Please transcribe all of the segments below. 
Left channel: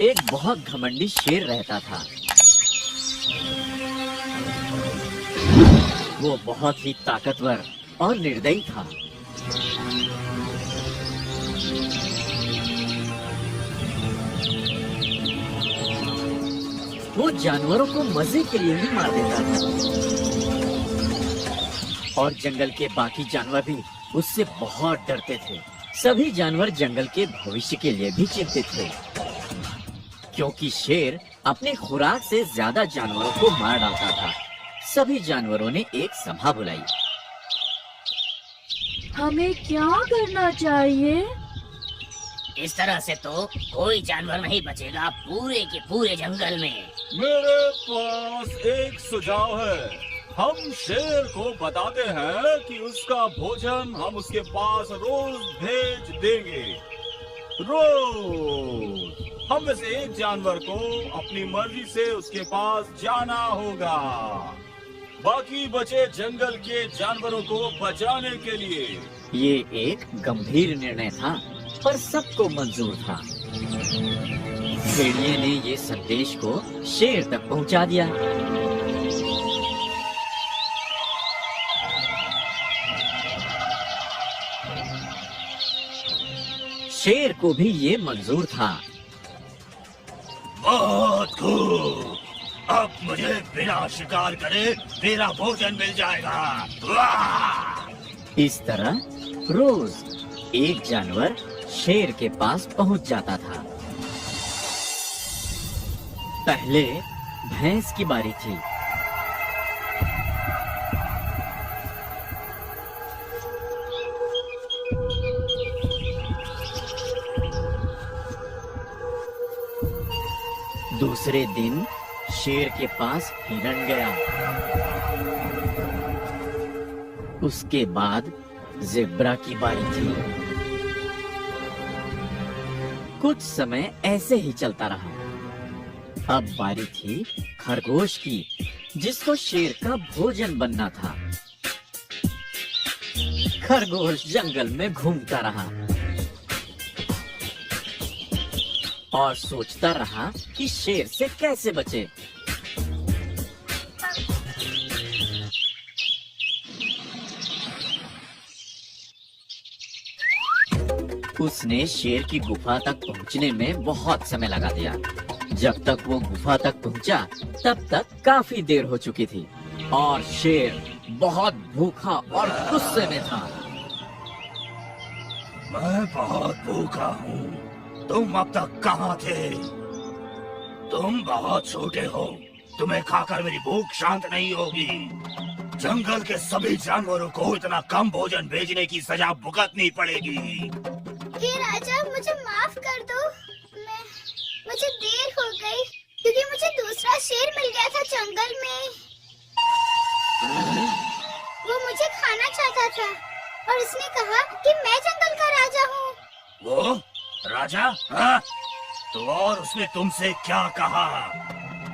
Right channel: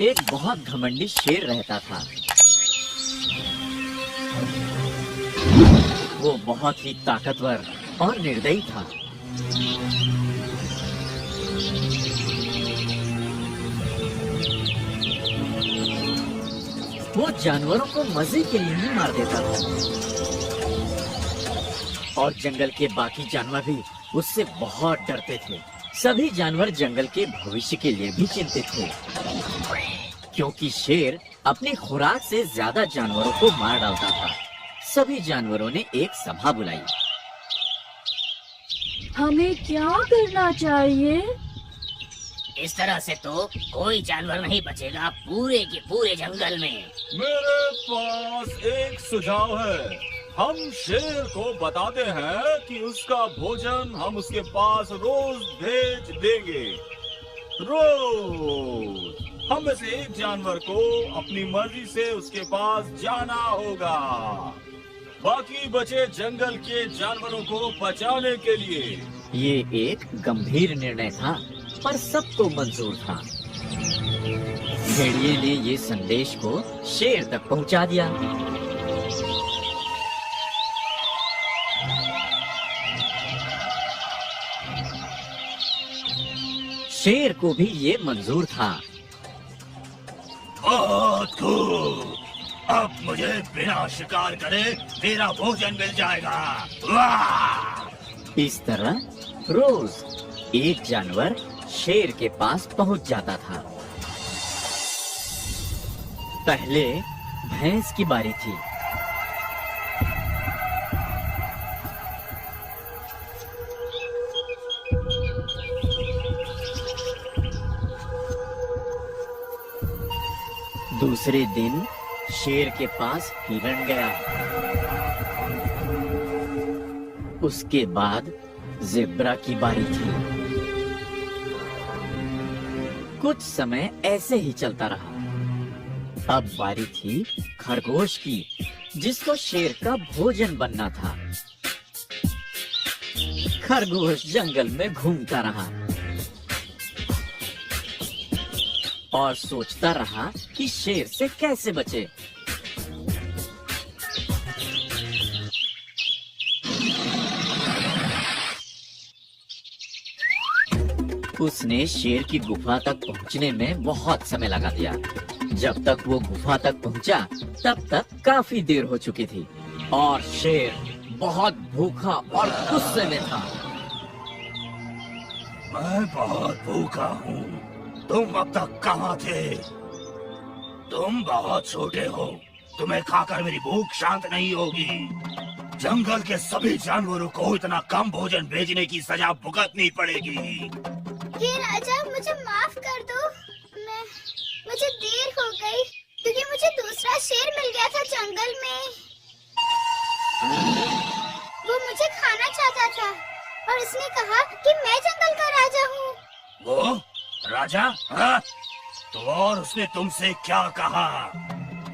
एक बहुत घमंडी शेर रहता था। वो बहुत ही ताकतवर और निर्दयी था। वो जानवरों को मजे के लिए ही मार देता था और जंगल के बाकी जानवर भी उससे बहुत डरते थे। सभी जानवर जंगल के भविष्य के लिए भी चिंतित थे, क्योंकि शेर अपनी खुराक से ज्यादा जानवरों को मार डालता था। सभी जानवरों ने एक सभा बुलाई। हमें क्या करना चाहिए? इस तरह से तो कोई जानवर नहीं बचेगा पूरे के पूरे जंगल में। मेरे पास एक सुझाव है। हम शेर को बताते हैं कि उसका भोजन हम उसके पास रोज भेज देंगे। रोज हम में से एक जानवर को अपनी मर्जी से उसके पास जाना होगा। बाकी बचे जंगल के जानवरों को बचाने के लिए। ये एक गंभीर निर्णय था, पर सबको मंजूर था। भेड़िए ने ये संदेश को शेर तक पहुंचा दिया। शेर को भी ये मंजूर था। बहुत खूब, अब मुझे बिना शिकार करे तेरा भोजन मिल जाएगा। वाह! इस तरह रोज एक जानवर शेर के पास पहुंच जाता था। पहले भैंस की बारी थी। दूसरे दिन शेर के पास हिरण गया। उसके बाद ज़ेब्रा की बारी थी। कुछ समय ऐसे ही चलता रहा। अब बारी थी खरगोश की, जिसको शेर का भोजन बनना था। खरगोश जंगल में घूमता रहा और सोचता रहा कि शेर से कैसे बचे। उसने शेर की गुफा तक पहुंचने में बहुत समय लगा दिया। जब तक वो गुफा तक पहुंचा, तब तक काफी देर हो चुकी थी और शेर बहुत भूखा और गुस्से में था। मैं बहुत भूखा हूँ। तुम अब तक कहाँ थे? तुम बहुत छोटे हो। तुम्हें खाकर मेरी भूख शांत नहीं होगी। जंगल के सभी जानवरों को इतना कम भोजन भेजने की सजा भुगतनी पड़ेगी। हे राजा, मुझे माफ कर दो। मुझे देर हो गई क्योंकि मुझे दूसरा शेर मिल गया था जंगल में। वो मुझे खाना चाहता था और उसने कहा कि मैं जंगल का राजा हूँ। वो राजा? हाँ? तो और उसने तुमसे क्या कहा?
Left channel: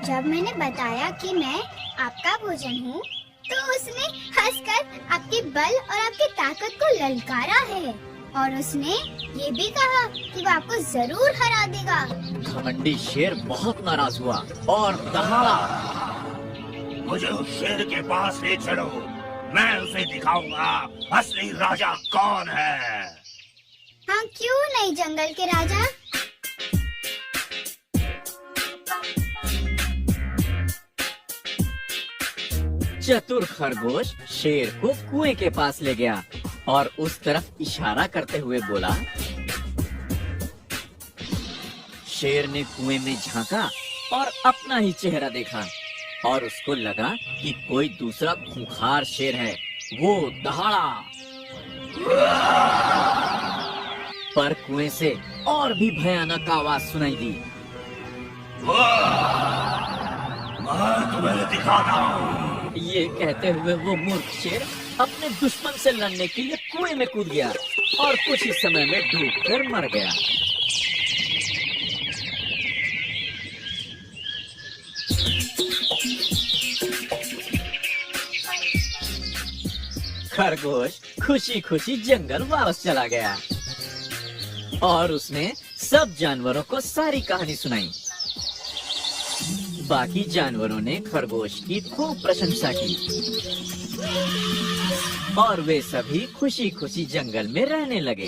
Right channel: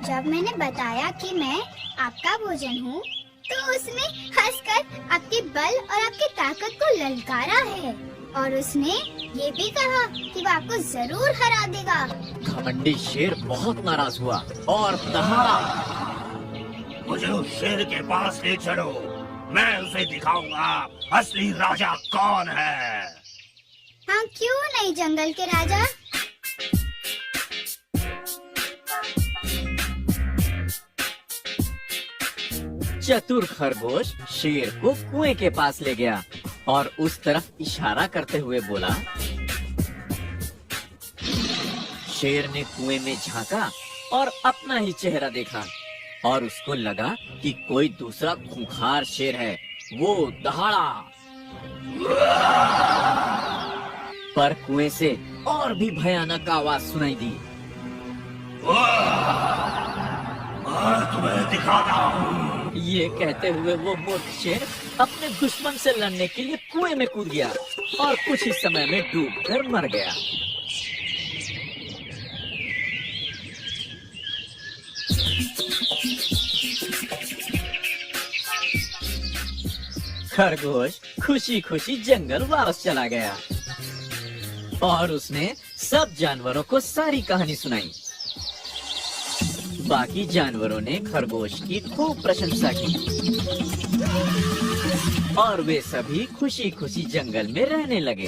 जब मैंने बताया कि मैं आपका भोजन हूँ, तो उसने हंसकर आपके बल और आपकी ताकत को ललकारा है और उसने ये भी कहा कि वो आपको जरूर हरा देगा। घमंडी शेर बहुत नाराज हुआ और दहाड़ा। मुझे उस शेर के पास ले चलो। मैं उसे दिखाऊंगा असली राजा कौन है। हाँ, क्यों नहीं जंगल के राजा। चतुर खरगोश शेर को कुएं के पास ले गया और उस तरफ इशारा करते हुए बोला। शेर ने कुएं में झांका और अपना ही चेहरा देखा और उसको लगा कि कोई दूसरा खूंखार शेर है। वो दहाड़ा, पर कुएं से और भी भयानक आवाज सुनाई दी। मैं तुम्हें दिखाता हूँ। ये कहते हुए वो मूर्ख शेर अपने दुश्मन से लड़ने के लिए कुएं में कूद गया और कुछ ही समय में डूबकर मर गया। खरगोश खुशी खुशी जंगल वापस चला गया। और उसने सब जानवरों को सारी कहानी सुनाई। बाकी जानवरों ने खरगोश की खूब प्रशंसा की और वे सभी खुशी खुशी जंगल में रहने लगे।